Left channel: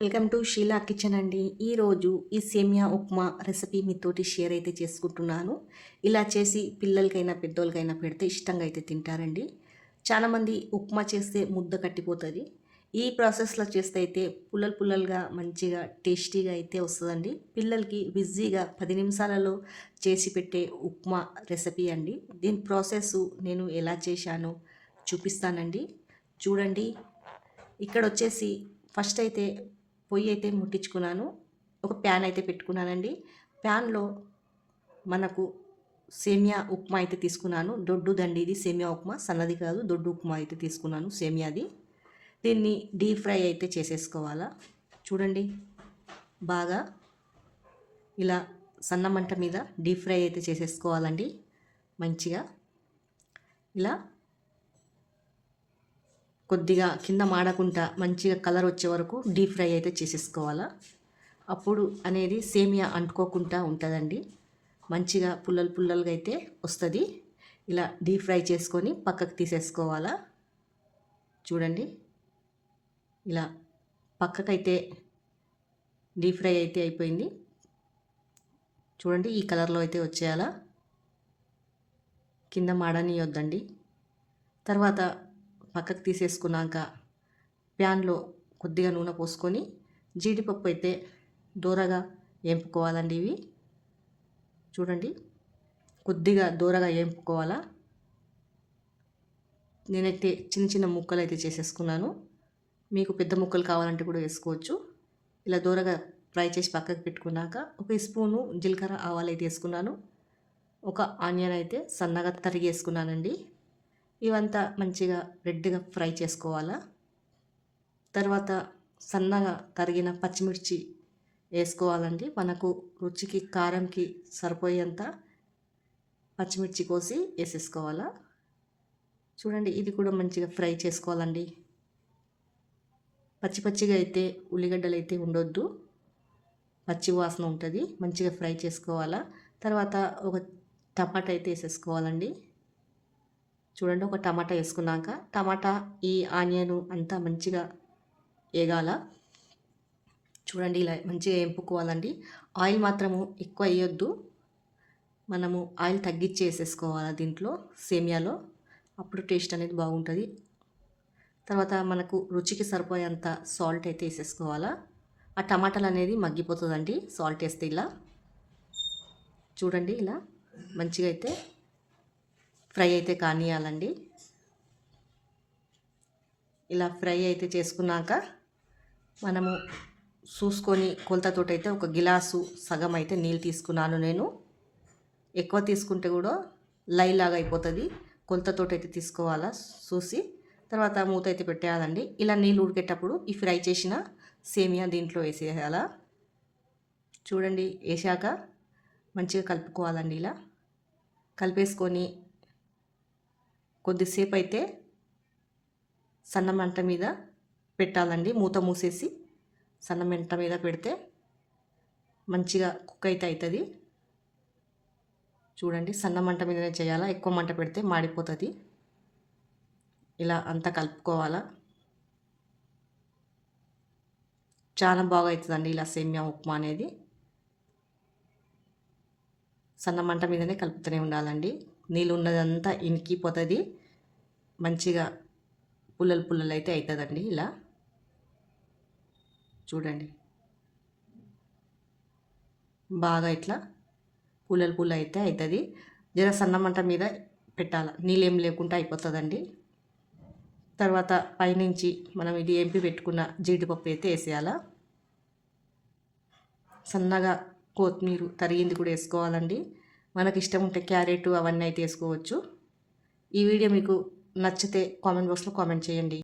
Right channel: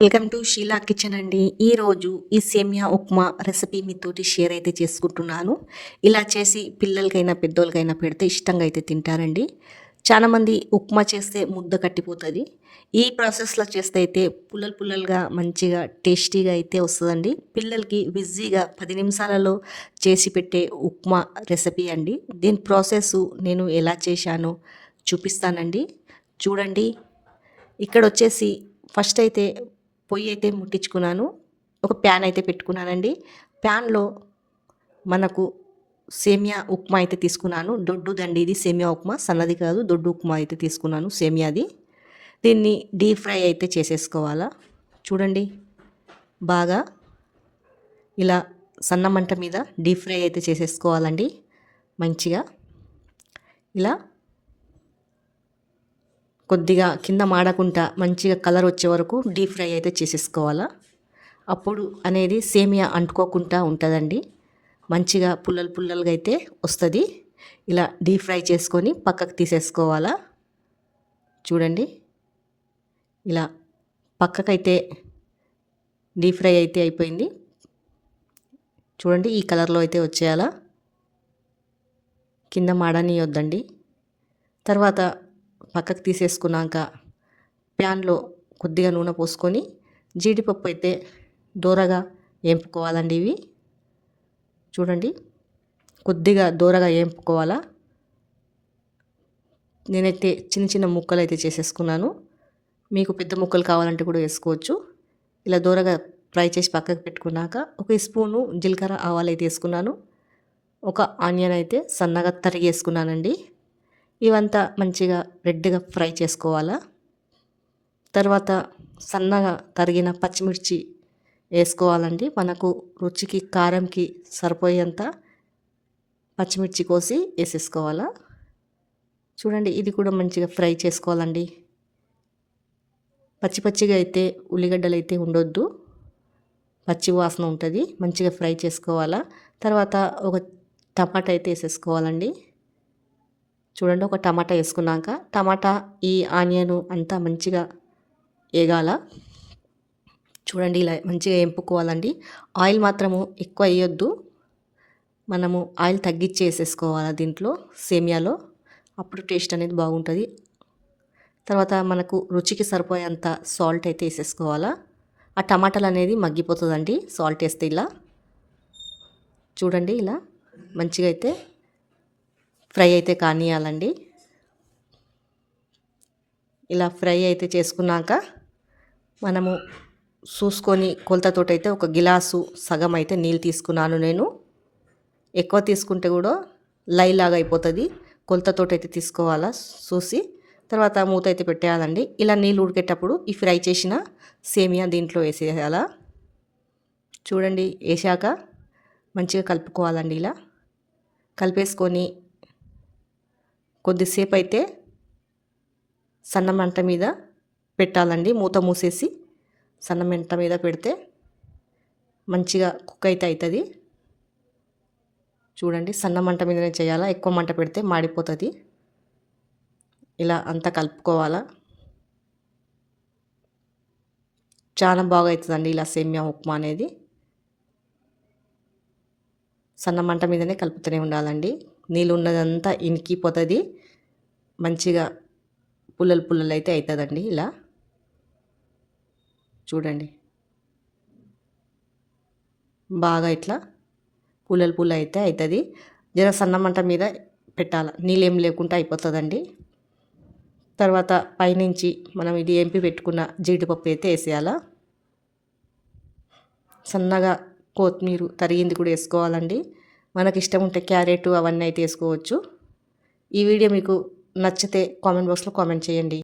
Welcome to Sheela kitchen అండి. ఈరోజు ఈ సేమియా ఉప్మా రెసిపీ మీతోటి షేర్ అయితే చేసుకుంటున్నాను. ఇలా చేసి పిల్లలకైనా పెద్దోళ్ళకైనా పెడితే ఇష్టంగా అయితే తింటారండి. చాలామంది ఉప్మా చేస్తే ముద్ద కట్టిపోతుంది. ఈ ప్రాసెస్లో చేస్తే అయితే పుల్లలు పుల్లలుగా మంచిగా టేస్టీగా అయితే వస్తుందండి. పిల్లలకి ఈజీగా 10 నిమిషాలలో చేసి పెట్టే ఉప్మా రెసిపీ అండి. దీని ప్రాసెస్ నేను ఎలా చేశానో చూపిస్తానండి. చూడండి. ఇక్కడ వచ్చేసి ఫస్ట్ అయితే పొయ్యి అయితే ముట్టించుకున్నాను. ఒక ప్యాన్ అయితే పెట్టుకున్నానండి. ప్యాన్లో మనకు సేమియా ఉప్మా అయితే తీసుకున్నాను. దొడ్డుదండి ఇది సేమియా ఉప్మా, సన్నది కాదు, దొడ్డు ఉప్మా అయితే తీసుకున్నాను సేమియాది. దీన్ని డీప్ ఫ్రై అయితే చేసేసుకోవాలా. చూడండి, బాగా ఇలా సన్న మంట మీద డీప్ ఫ్రై అయితే చేసేసుకోవాలండి. మంచిగా ఇలా కొద్దిగా కింద మాడకుండా మంచిగా కలర్ వచ్చే వరకు డీప్ ఫ్రై అయితే చేసేసుకోవాలా. అప్పుడు అనేది సేమియా అంటుకోకుండా ఉంటుందండి. మంచిగా పుల్లలు పుల్లలుగా అయితే వస్తుంది. ఇలా డీప్ ఫ్రై చేసుకొని పక్కకు తీసేసుకోవాలా. చూడండి, ఇలా పక్కకైతే డీప్ ఫ్రై అయితే అయిపోయింది. చూడండి, ఈ కలర్లో అయితే వచ్చేయాలా. కింద మాడనియొద్దండి. తర్వాత పక్కకు తీసేసుకున్నాక ప్యాన్లో కొద్దిగా నూనె పోసుకొని జీడిపప్పు అయితే దోరగా వేంపుకోవాలండి. ఇవి చూడండి, కొద్దిగా దోరగా వేంపుకోవాలా. నేనైతే చిన్న చిన్న ముక్కలు అయితే చేసేసుకున్నాను. మీకు పెద్ద ముక్కలు కావాలంటే కూడా వేసుకోవచ్చు. ఇలా దోరగా ఫ్రై చేసి పక్కకు పెట్టుకున్నాక 1 స్పూను జీలకర్ర ఆవాలు అయితే వేసుకున్నాను. ఒక ఆనియన్ అయితే సన్నగా తరిగేసుకున్నానండి. ఇవంతా మంచిగా రెడ్గా ఫ్రై చేసుకోవాలా. తర్వాత సన్నగా తరిగిన పచ్చిమిర్చి వేసుకోవాలండి. మనకు రుచికి కారంకి సరిపోయేంత పచ్చిమిర్చి కోసి వేసేసుకోవాలా. చూడండి, ఇది కూడా మంచిగా ఫ్రై చేసుకోవాలండి. పచ్చి పచ్చిగా అయితే ఉల్లిగడ్డలు అయితే ఉండొద్దు, పచ్చి వాసన ఉంటుంది. మంచిగా ఫ్రై చేసుకోవాలా. తర్వాత ఒక టమాటా అయితే వేసేసుకోవాలండి. చూడండి, ఒక టమాటా వేసుకున్నాక టమాటా ఈ ఆనియన్ అంతా మంచిగా వేగాల. చూడండి, ఇలా మంచిగా వేపుకోవాలండి. ఆయిల్ మాత్రము ఎక్కువ వేయొద్దు. మనము ఆయిల్ తగ్గించి వేసేసుకోవాలి దీంట్లో సేమియాలో. అప్పుడు టేస్ట్ అనేది బాగుంటుంది. తర్వాత మనకు రుచికి సరిపోయేంత సాల్ట్ అయితే వేసేసుకోవాలా. ఆ టమాటాలు అనేది మగ్గిపోతుందండి సాల్ట్ వేస్తే. ఇలా చూడండి, ఇలా మంచిగా అయితే ఫ్రై అయితే కానియాలండి. ఇలా ఫ్రై అయితే చేసుకున్నాక మనము చూసుకొని కొలతతోటి అయితే ఒక గిలాసు సగం అయితే నీళ్ళు తీసుకున్నాను నేను. ఎక్కువ తీసుకుంటే కూడా లైలాగా అయిపోతుంది. కొలతతోటి అయితే తీసుకోవాలా చూసి. తర్వాత మూత అయితే పెట్టేయాలండి. ఇలా నీళ్ళు ఉడికేటప్పుడు ఈ ఫ్రై చేసిన సేమియా దీంట్లో వేసేయాలా. చూడండి, వేసాక మంచిగా కలుపుకోవాలండి. ఇలా కలిపేసుకొని కొద్దిసేపు అయితే సన్న మంట మీద పెట్టాలండి. మూత మూసేసి సన్న మంట మీద పెడితే మంచిగా కుక్ అయితే అవుతుంది. చూడండి, సన్న మంట మీదనే చేయాలా, ఎక్కువ మంట పెడితే మాడిపోతుంది. ఇలా అంతా కలుపుకోవాలా. చాలా బాగా అవుతుందండి ఇలా సేమియా ఉప్మా అనేది. సన్న మంట మీదనే కలుపుతూనే ఉండాలండి. నీళ్ళు ఉన్నదంతా ఇనికిపోతుంది. మంచిగా పుల్లలు పుల్లలు అయితే అవుతుందండి. ఇలా చూడండి, బాగా ఇట్లా పుల్లలు పుల్ల అయితే అవుతుంది. జర సన్న మంట మీద పెట్టాలి, నీళ్ళు ఏం లేకుండా అయిపోతుందండి. తర్వాత పైనుంచి మనం ఇది ఎంపి పెట్టుకున్న జీడిపప్పు అయితే వేసేయాలా. సన్నగా కొత్తిమీర తరిగింది కూడా వేసుకోవాలండి. మనకి ఇష్టం ఉంటే క్యారెట్ అవన్నీ అయితే వేసుకోవచ్చు. ఈ వీడియో మీకు నచ్చితే కామెంట్ బాక్స్లో కామెంట్ చేయండి.